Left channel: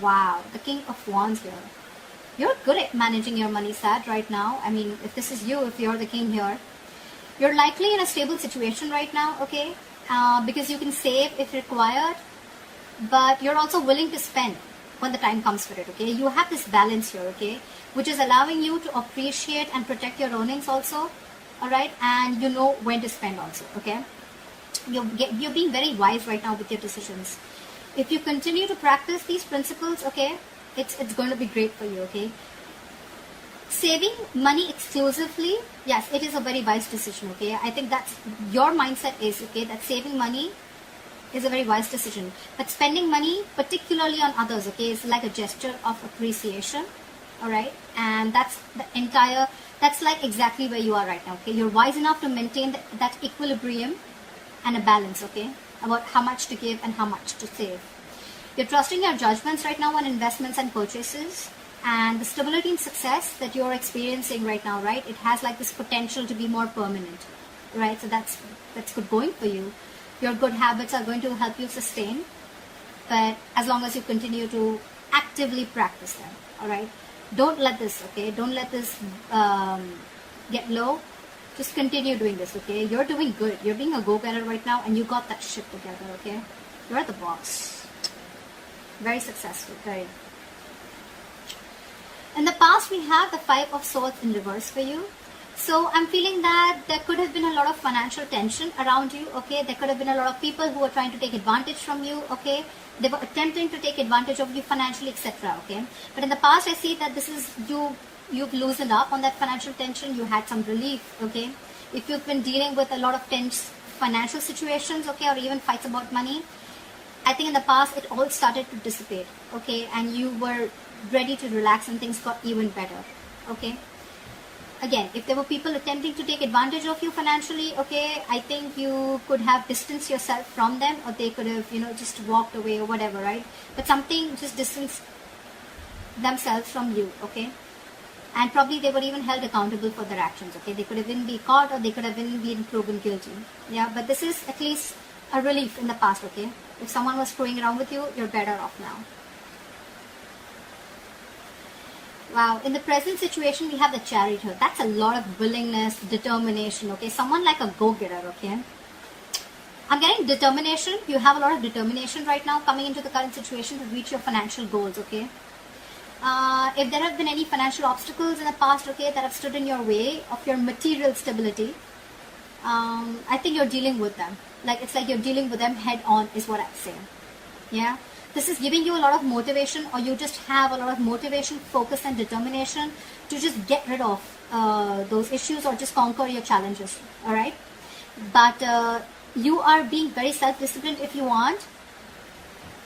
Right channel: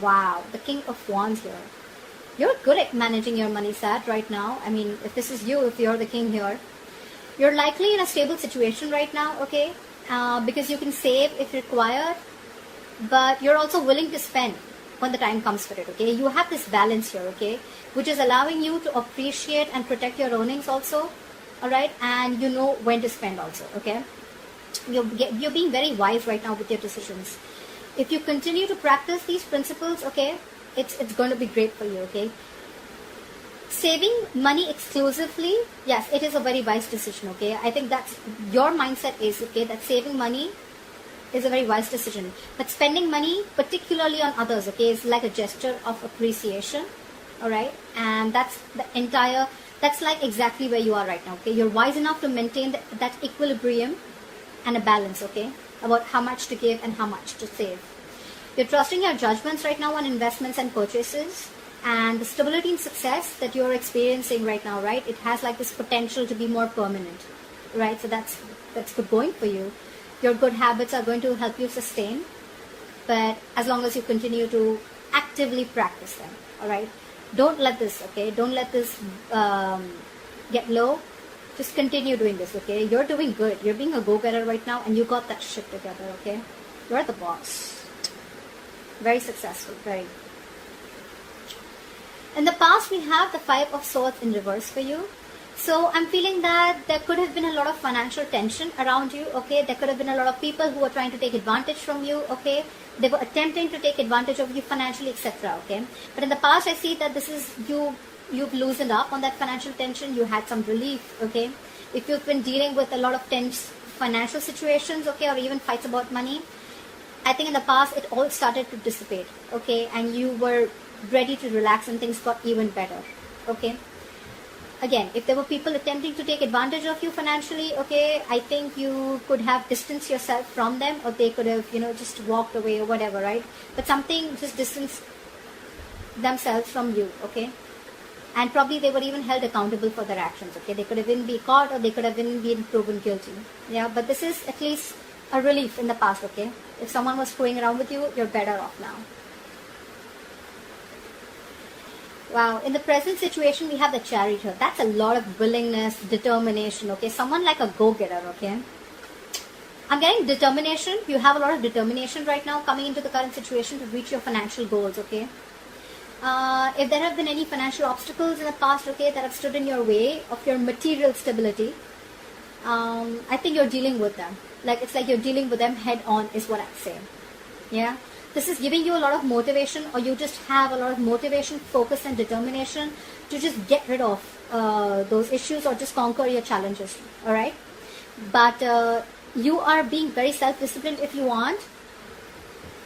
Wow, the King of Wands here. You're good at managing your money, Sag, right now. I mean, if this is you, if you're the king here, you're likely in a stable situation right now, okay? Because you can save if required, but you're also willing to spend when the time comes for it, okay? You have this balance here, okay? Which is allowing you to appreciate and protect your earnings also, all right? And you know when to spend also, okay? You're being very wise right now with your decisions. If you continue to practice these principles, okay, it's going to be great for you, okay? Saving money exclusively, yes, it is a very wise decision, okay? I think that's your mindset is, okay, that saving money is a very wise decision. But spending money, particularly on others, okay, is like a gesture of appreciation, all right? And that's like exactly where you are right now, okay? You're wise enough to maintain that equilibrium and a balance, okay, about how much to give and how much to save. You're trusting your judgments right now on investments and purchases, and the stability and success that you're experiencing right now, right, it has like this potential to be more permanent, right? So that's good going for you. Your good habits are going to help you sustain, but as long as you continue to actively practice them, all right? Don't let this, okay, don't let this get low. Just continue doing this, okay? You're doing good. You're being a go-getter right now, and you got that shit together, okay? You're the boss. Very successful, very. In the past, we have the Five of Swords in reverse for you. So I'm feeling that there could have been a lot of financial tension around you, okay? There could have been a lot of people who were trying to take advantage from you, okay? They were attempting to take advantage of you financially, etc., okay? But in the past, I see that this is you've loosened up on that financial tension. You had some relief, okay? If you've been dealing with a lot of tense financial situations, okay, or even fights about money, I think in the past it all started to dissipate, okay? And you were ready to relax and things got even better, okay? Again, if there were people attempting to take advantage of you financially, okay, I think you could have distanced yourself from them, or they could have, just walked away or whatever, right? But something just distanced themselves from you, okay? And probably they were even held accountable for their actions, okay? They could have been caught, or they could have been proven guilty, yeah? But this is at least a relief in the past, okay? If someone was screwing around with you, you're better off now. Wow, in the present situation, we have the Chariot here. That's a lot of willingness, determination, okay? Someone like a go-getter, okay? I'm getting determination. You have a lot of determination right now coming into the current situation to reach your financial goals, okay? If there have been any financial obstacles in the past, okay, that have stood in your way of your material stability, I think you're dealing with them. It's like you're dealing with them head on is what I'm saying. Yeah? This is giving you a lot of motivation, or you just have a lot of motivation, focus and determination to just get rid of those issues or just conquer your challenges. Alright? But you are being very self-disciplined if you want.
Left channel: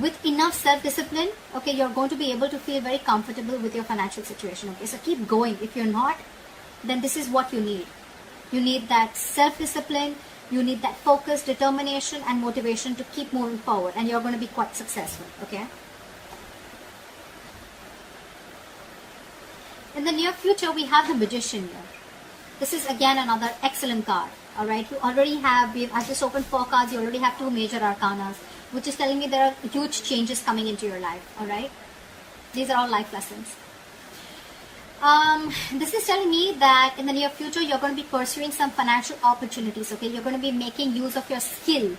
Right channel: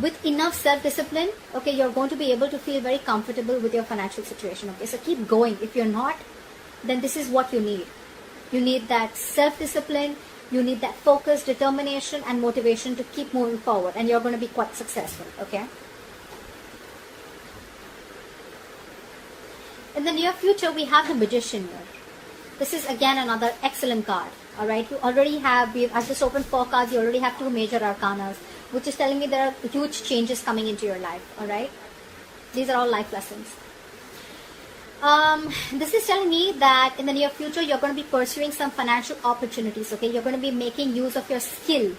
With enough self-discipline, okay, you're going to be able to feel very comfortable with your financial situation. Okay, so keep going. If you're not, then this is what you need. You need that self-discipline. You need that focus, determination, and motivation to keep moving forward, and you're going to be quite successful, okay? In the near future, we have the Magician here. This is again another excellent card, all right? You already have, I've just opened 4 cards, you already have 2 major arcanas, which is telling me there are huge changes coming into your life, all right? These are all life lessons. This is telling me that in the near future, you're going to be pursuing some financial opportunities, okay? You're going to be making use of your skill.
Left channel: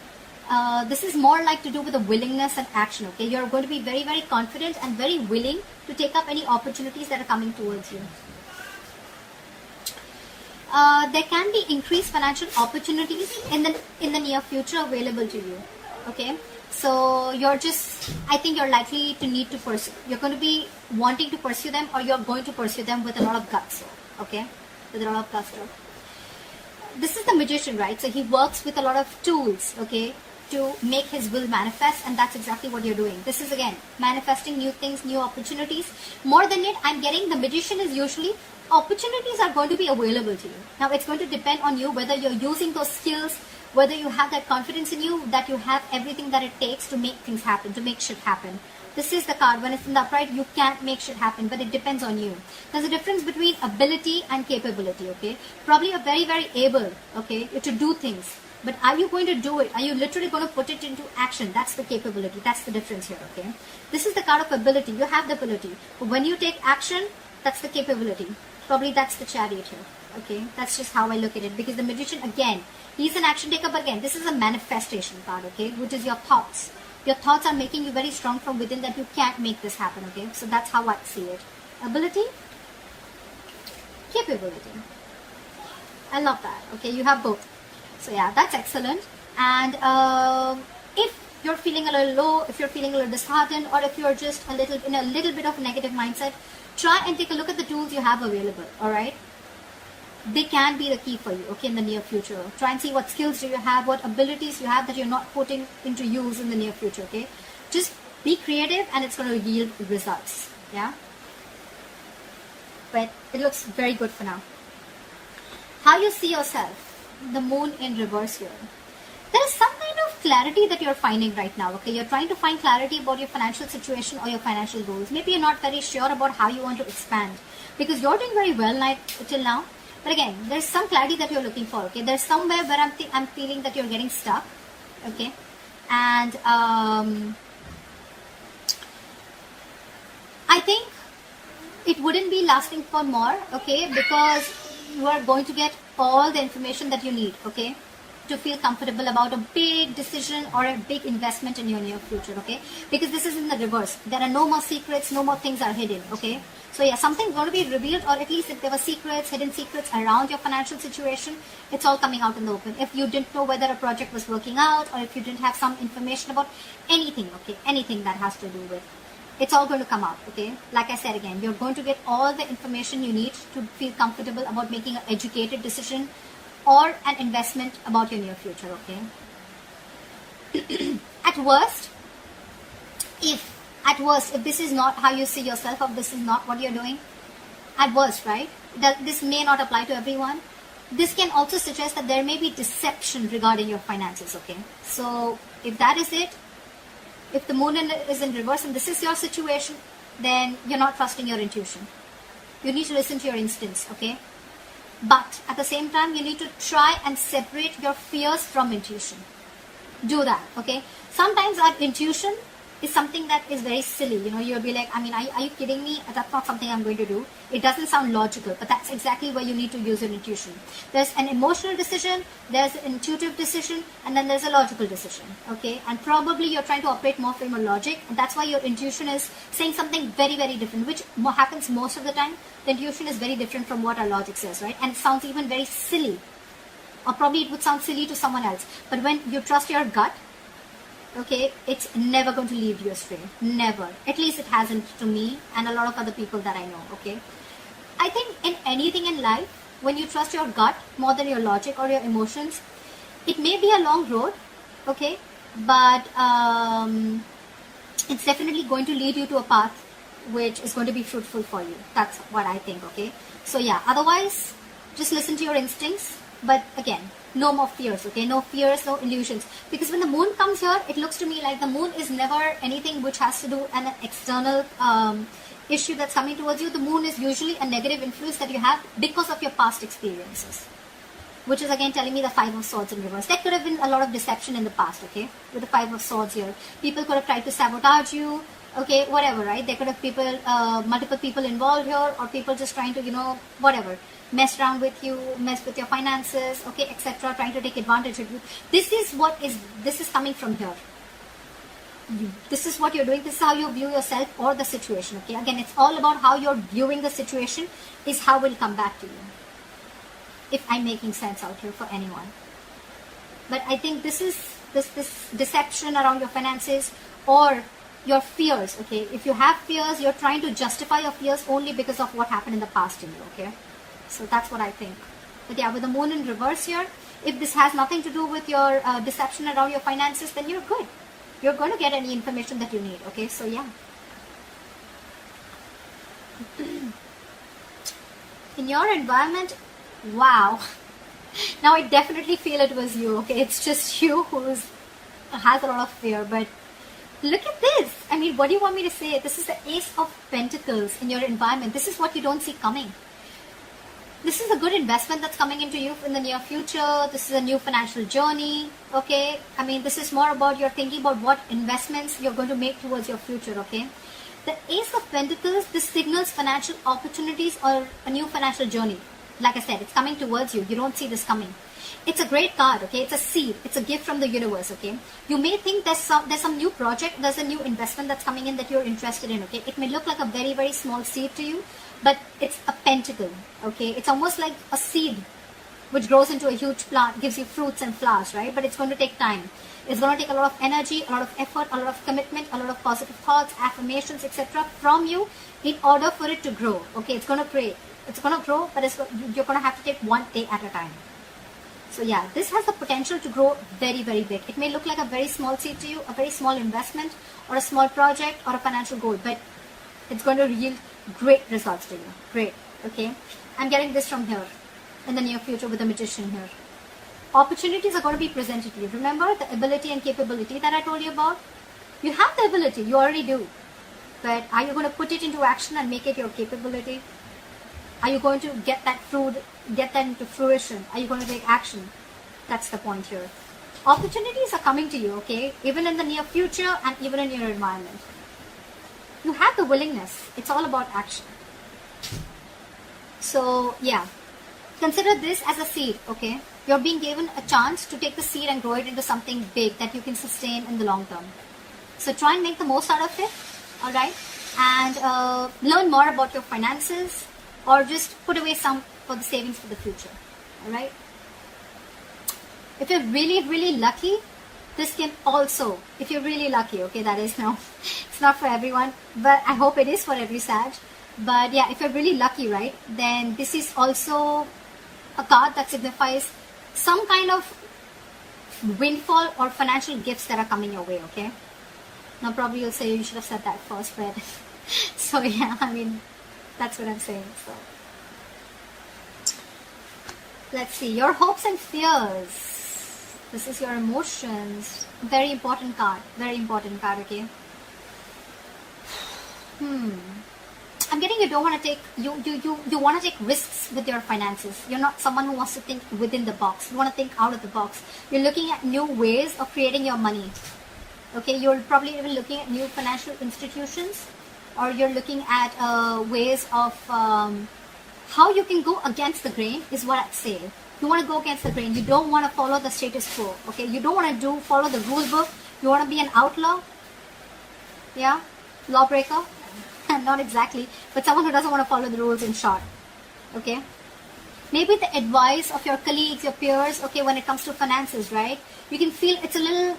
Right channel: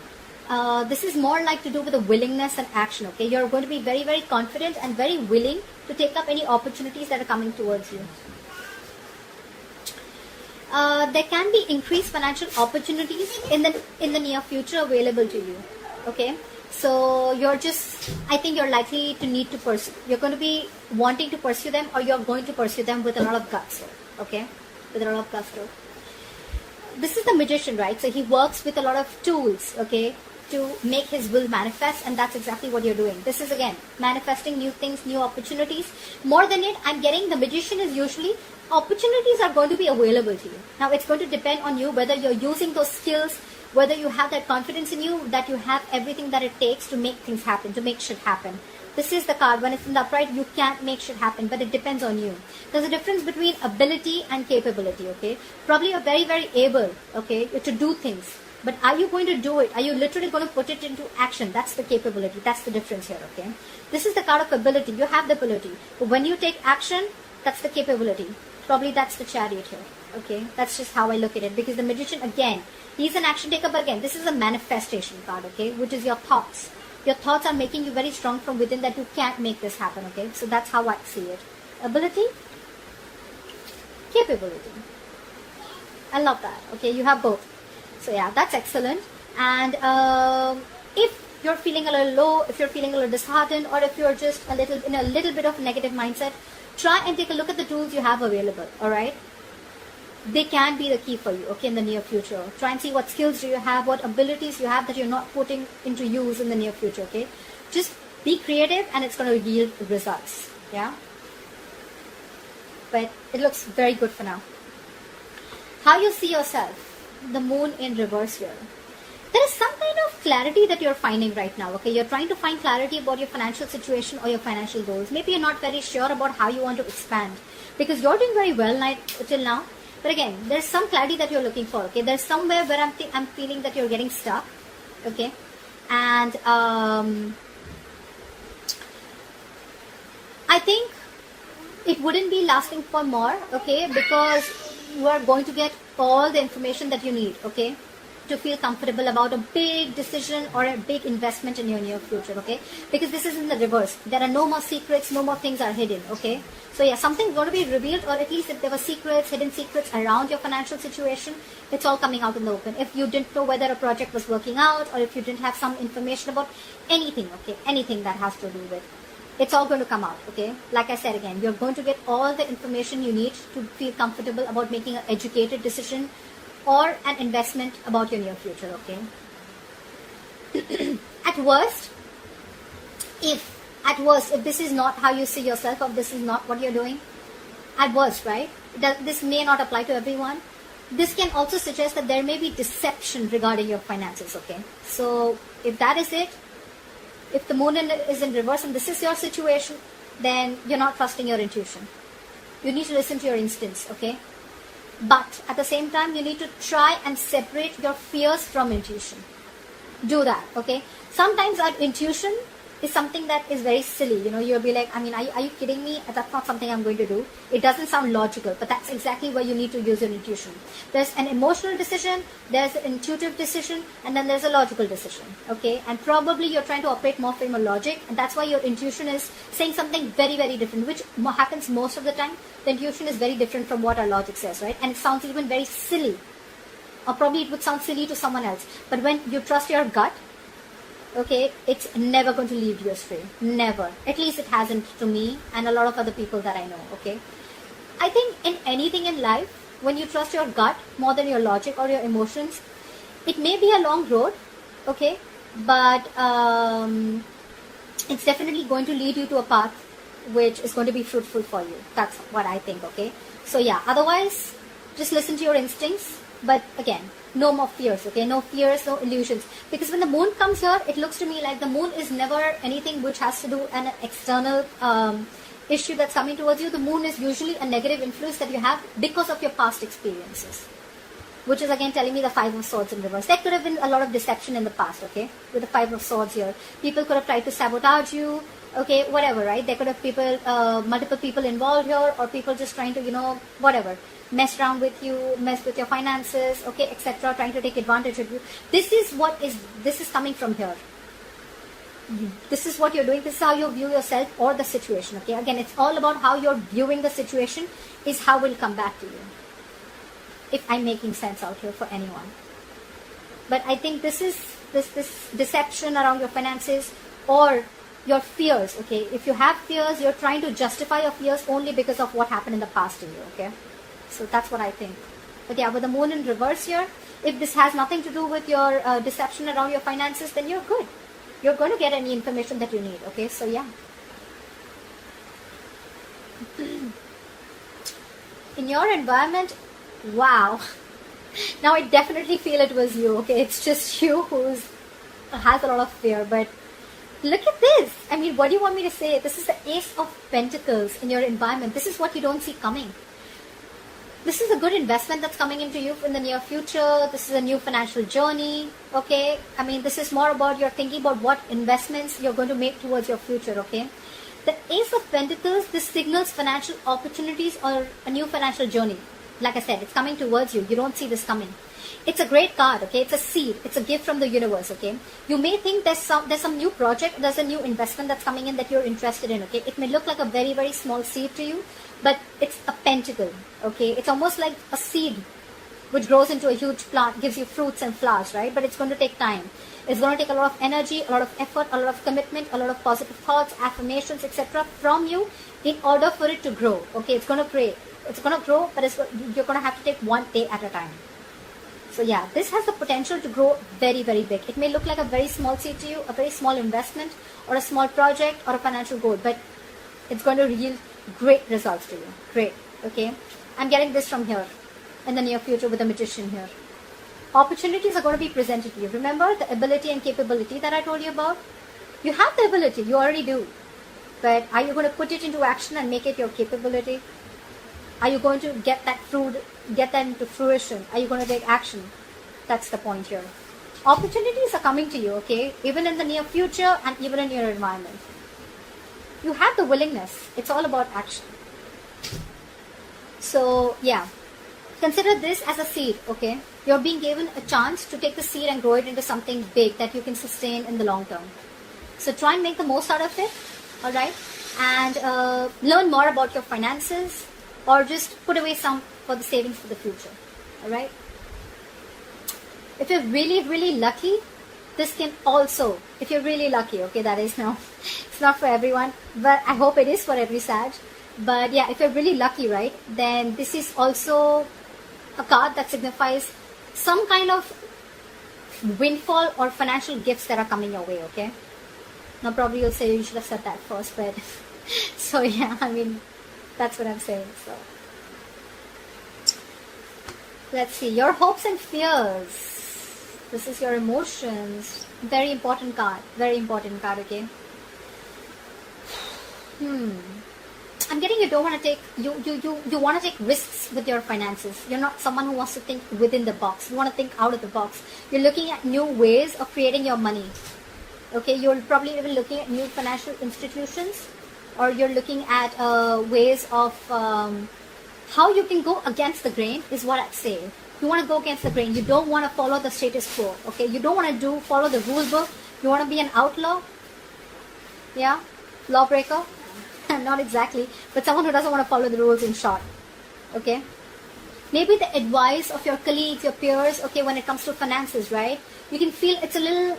This is more like to do with the willingness and action, okay? You're going to be very, very confident and very willing to take up any opportunities that are coming towards you. There can be increased financial opportunities in the near future available to you, okay? So I think you're likely to need to pursue. You're going to be wanting to pursue them, or you're going to pursue them with a lot of guts, okay? With a lot of gusto. This is the Magician, right? So he works with a lot of tools, okay, to make his will manifest, and that's exactly what you're doing. This is again manifesting new things, new opportunities. More than it, I'm getting the Magician is usually opportunities are going to be available to you. Now it's going to depend on you whether you're using those skills, whether you have that confidence in you, that you have everything that it takes to make things happen, to make shit happen. This is the card. When it's in the upright, you can't make shit happen, but it depends on you. There's a difference between ability and capability, okay? Probably you're very, very able, okay, to do things, But are you going to do it? Are you literally going to put it into action? That's the capability. That's the difference here, okay? This is the card of ability. You have the ability. But when you take action, that's the capability. Probably that's the Chariot here, okay? That's just how I look at it. Because the Magician, again, he's an action taker, but again, this is a manifestation card, okay? Which is your thoughts. Your thoughts are making you very strong from within that you can't make this happen, okay? So that's how I see it. Ability, capability. I love that, okay? You have both. So yeah, that's excellent. And if you're feeling a little low, if you're feeling a little disheartened, or if you're just a little bit of negative mindset, try and take a look at the tools you have available, all right? They can be the key for you, okay, in the near future. Try and see what skills do you have, what abilities you have that you're not putting into use in the near future, okay? Just be creative and it's going to yield results, yeah? But it looks very good for now. How you see yourself? The moon in reverse here. There is some kind of clarity that you're finding right now, okay? You're trying to find clarity about your financial situation or your financial goals. Maybe you're not very sure about how you want to expand because you're doing very well till now. But again, there's some clarity that you're looking for, okay? There's somewhere where I'm feeling that you're getting stuck, okay? And I think it wouldn't be lasting for more, okay? Because you are going to get all the information that you need, okay, to feel comfortable about a big decision or a big investment in your near future, okay? Because this is in the reverse. There are no more secrets, no more things are hidden, okay? So yeah, something's going to be revealed, or at least if there were secrets, hidden secrets around your financial situation, it's all coming out in the open. If you didn't know whether a project was working out, or if you didn't have some information about anything, okay, anything that has to do with, it's all going to come out, okay? Like I said again, you're going to get all the information you need to feel comfortable about making an educated decision or an investment about your near future, okay? At worst, if this is not how you see yourself, or this is not what you're doing, at worst, right? That this may not apply to everyone. This can also suggest that there may be deception regarding your finances, okay? So if that is it, if the moon is in reverse and this is your situation, then you're not trusting your intuition. You need to listen to your instincts, okay? But at the same time, you need to try and separate your fears from intuition. Do that, okay? Sometimes our intuition is something that is very silly. You know, you'll be like, I mean, are you kidding me? That's not something I'm going to do. It doesn't sound logical, but that's exactly where you need to use your intuition. There's an emotional decision, there's an intuitive decision, and then there's a logical decision, okay? And probably you're trying to operate more from a logic, and that's why your intuition is saying something very, very different, which what happens most of the time. The intuition is very different from what our logic says, right? And it sounds even very silly, or probably it would sound silly to someone else. But when you trust your gut, okay, it's never going to lead you astray. Never. At least it hasn't to me and a lot of other people that I know, okay? I think in anything in life, when you trust your gut more than your logic or your emotions, it may be a long road, okay? But it's definitely going to lead you to a path which is going to be fruitful for you. That's what I think, okay? So yeah, otherwise, just listen to your instincts. But again, no more fears, okay? No fears, no illusions. Because when the moon comes here, it looks to me like the moon is never anything which has to do with an external issue that's coming towards you. The moon is usually a negative influence that you have because of your past experiences. Which is again telling me the Five of Swords in reverse. There could have been a lot of deception in the past, okay? With the Five of Swords here. People could have tried to sabotage you, okay? Whatever, right? There could have multiple people involved here, or people just trying to, whatever. Mess around with you, mess with your finances, okay, etc., trying to take advantage of you. This is coming from here. This is what you're doing. This is how you view yourself or the situation, okay? Again, it's all about how you're viewing the situation is how will come back to you. If I'm making sense out here for anyone. But I think this deception around your finances or your fears, okay? If you have fears, you're trying to justify your fears only because of what happened in the past to you, okay? So that's what I think. But yeah, with the moon in reverse here, if this has nothing to do with your deception around your finances, then you're good. You're going to get any information that you need, okay? So yeah. In your environment, wow. Now I definitely feel it was you, okay? It's just you who has a lot of fear, but look at this. I mean, what do you want me to say? This is the Ace of Pentacles in your environment. This is what you don't see coming. This is a good investment that's coming into you in the near future. This is a new financial journey. Okay. I mean, this is more about you're thinking about what investments you're going to make towards your future. Okay. The Ace of Pentacles, this signals financial opportunities or a new financial journey. Like I said, it's coming towards you. You don't see this coming. It's a great card, okay? It's a seed. It's a gift from the universe, okay? You may think there's some new project, there's a new investment that's coming in that you're interested in, okay? It may look like a very, very small seed to you, but it's a pentacle, okay? It's almost like a seed which grows into a huge plant, gives you fruits and flowers, right? But it's going to take time. It's going to take a lot of energy, a lot of effort, a lot of commitment, a lot of positive thoughts, affirmations, etc. from you in order for it to grow, okay? It's going to pray. It's going to grow, but you're going to have to take one day at a time. So yeah, this has the potential to grow very, very big. It may look like a very small seed to you, a very small investment, or a small project, or a financial goal, but it's going to yield great results to you. Great, okay? I'm getting this from here in the near future with the Magician here. Opportunities are going to be presented to you. Remember the ability and capability that I told you about? You have the ability, you already do. But are you going to put it into action and make it your capability? Are you going to get that into fruition? Are you going to take action? That's the point here. Opportunities are coming to you, okay? Even in the near future and even in your environment. You have the willingness. It's all about action. So, yeah. Consider this as a seed, okay? You're being given a chance to take the seed and grow it into something big that you can sustain in the long term. So try and make the most out of it, alright? And learn more about your finances, or just put away some for the savings for the future, alright? If you're really, really lucky, this can also, if you're really lucky, okay, that is now, it's not for everyone, but I hope it is for every Sag. But yeah, if you're really lucky, right, then this is also a card that signifies some kind of windfall or financial gifts that are coming your way, okay? Now probably you'll say you should have said that first, but so yeah, I mean, that's what I'm saying. So let's see, your hopes and fears. This is your emotions. Very important card, okay? I'm getting you don't want to take you want to take risks with your finances. You're not someone who wants to think within the box. You want to think out of the box. You're looking at new ways of creating your money. Okay, you're probably even looking at new financial institutions, or you're looking at ways of how you can go against the grain is what I'd say. You want to go against the grain. You don't want to follow the status quo. Okay, you don't want to follow the rule book. You want to be an outlaw. Yeah, lawbreaker. Not exactly, but someone who doesn't want to follow the rules in short. Okay, maybe the advice of your colleagues, your peers, okay, when it comes to finances, right? You can feel it's a little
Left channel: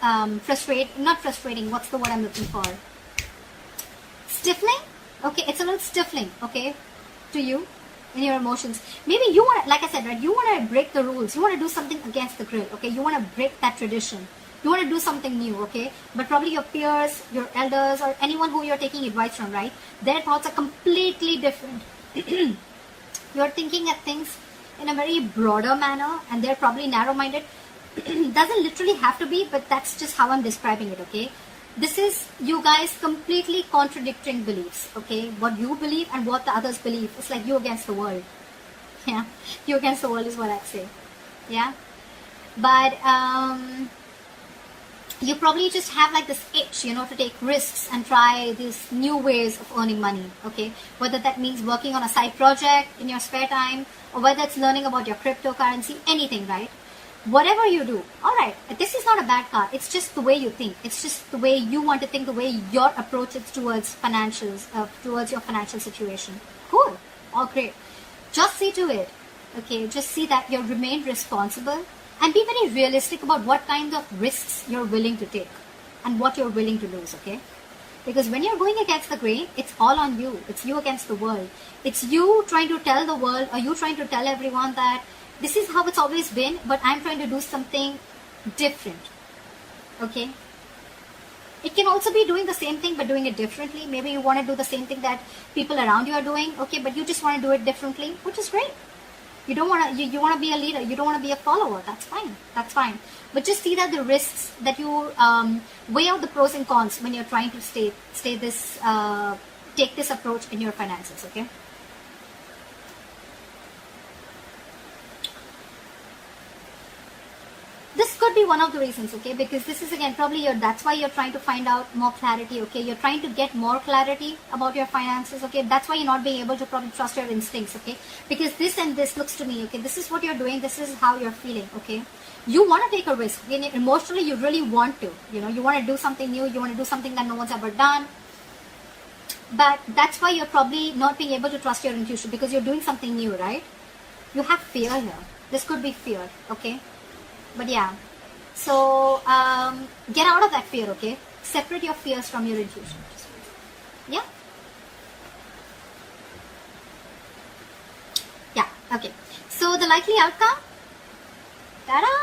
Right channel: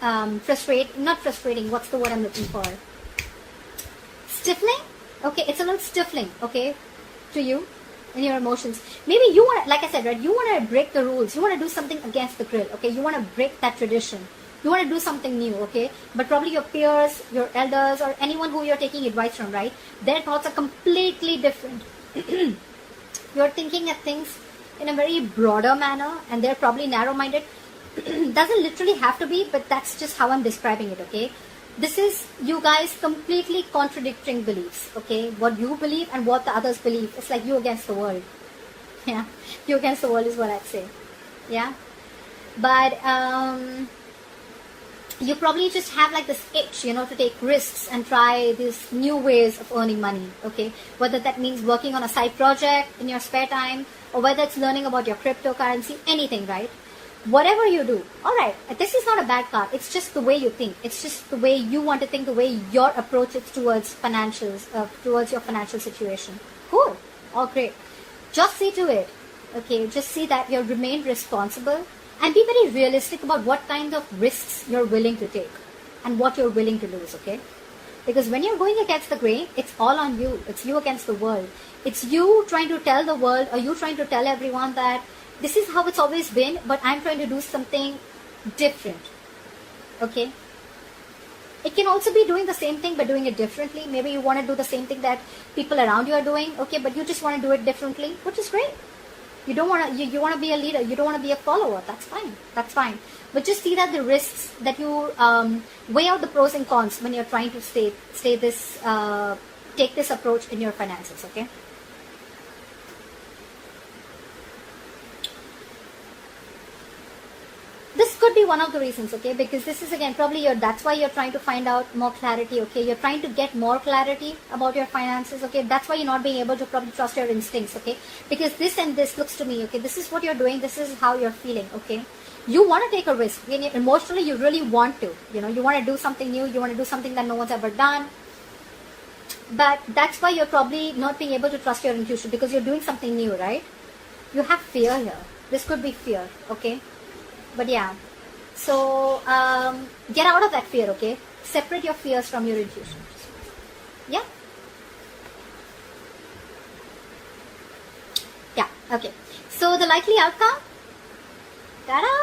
not frustrating, what's the word I'm looking for? Stifling? Okay, it's a little stifling, okay, to you and your emotions. Maybe you want to, like I said, right, you want to break the rules. You want to do something against the grill, okay? You want to break that tradition. You want to do something new, okay? But probably your peers, your elders, or anyone who you're taking advice from, right? Their thoughts are completely different. You're thinking at things in a very broader manner, and they're probably narrow-minded. Doesn't literally have to be, but that's just how I'm describing it, okay? This is you guys completely contradicting beliefs, okay? What you believe and what the others believe. It's like you against the world. Yeah, you against the world is what I'd say. Yeah, but you probably just have like this itch, you know, to take risks and try these new ways of earning money, okay? Whether that means working on a side project in your spare time, or whether it's learning about your cryptocurrency, anything, right? Whatever you do, alright, this is not a bad card. It's just the way you think. It's just the way you want to think, the way your approach is towards financials, towards your financial situation. Cool, all great. Just see to it, okay? Just see that you remain responsible. And be very realistic about what kind of risks you're willing to take and what you're willing to lose, okay? Because when you're going against the grain, it's all on you. It's you against the world. It's you trying to tell the world, or you trying to tell everyone that this is how it's always been, but I'm trying to do something different, okay? It can also be doing the same thing but doing it differently. Maybe you want to do the same thing that people around you are doing, okay, but you just want to do it differently, which is great. You don't want to. You want to be a leader. You don't want to be a follower. That's fine. That's fine. But just see that the risks that you weigh out the pros and cons when you're trying to take this approach in your finances. Okay. one of the reasons, okay? Because this is again probably that's why you're trying to find out more clarity, okay? You're trying to get more clarity about your finances, okay? That's why you're not being able to probably trust your instincts, okay? Because this and this looks to me, okay? This is what you're doing. This is how you're feeling, okay? You want to take a risk. Emotionally, you really want to. You want to do something new. You want to do something that no one's ever done. But that's why you're probably not being able to trust your intuition, because you're doing something new, right? You have fear here. This could be fear, okay? But yeah. So, get out of that fear, okay? Separate your fears from your intuition. Yeah? Yeah, okay. So, the likely outcome? Ta-da!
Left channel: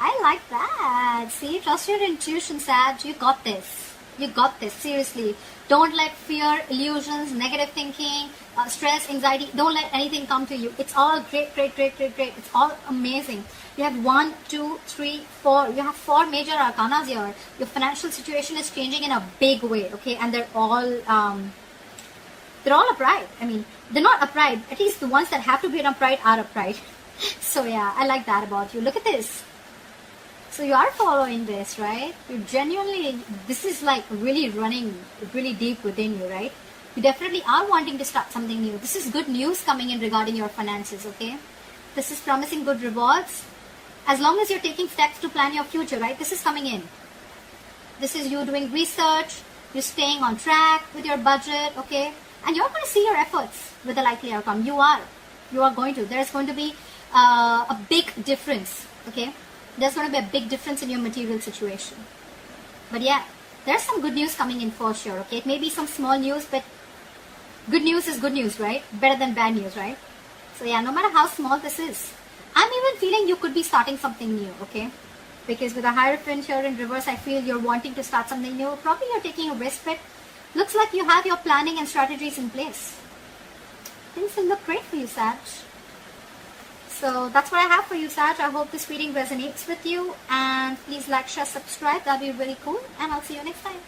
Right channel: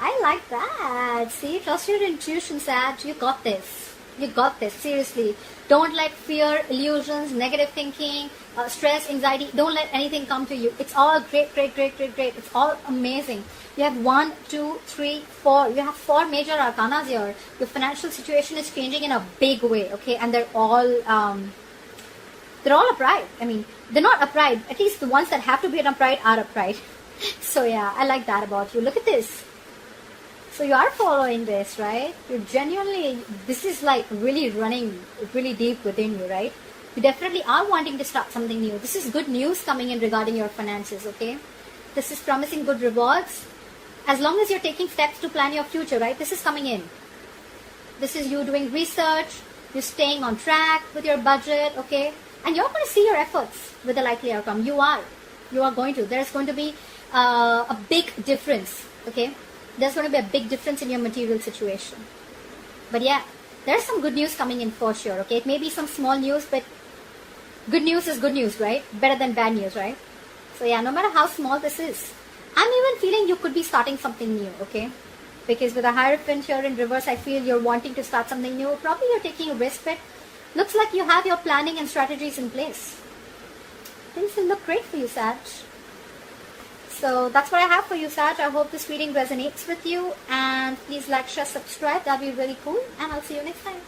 I like that. See, trust your intuition, Sag. You got this. You got this. Seriously. Don't let fear, illusions, negative thinking, stress, anxiety, don't let anything come to you. It's all great, great, great, great, great. It's all amazing. You have 1, 2, 3, 4. You have 4 major arcanas here. Your financial situation is changing in a big way, okay? And they're all upright. I mean, they're not upright. At least the ones that have to be upright are upright. So yeah, I like that about you. Look at this. So you are following this, right? You're genuinely, this is like really running really deep within you, right? You definitely are wanting to start something new. This is good news coming in regarding your finances, okay? This is promising good rewards. As long as you're taking steps to plan your future, right? This is coming in. This is you doing research, you're staying on track with your budget, okay? And you're going to see your efforts with a likely outcome. You are going to. There's going to be a big difference, okay? There's going to be a big difference in your material situation. But yeah, there's some good news coming in for sure, okay? It may be some small news, but good news is good news, right? Better than bad news, right? So yeah, no matter how small this is, I'm even feeling you could be starting something new, okay? Because with a Hierophant here in reverse, I feel you're wanting to start something new. Probably you're taking a risk, but looks like you have your planning and strategies in place. Things will look great for you, Sag. So that's what I have for you, Sag. I hope this reading resonates with you. And please like, share, subscribe. That'll be really cool. And I'll see you next time.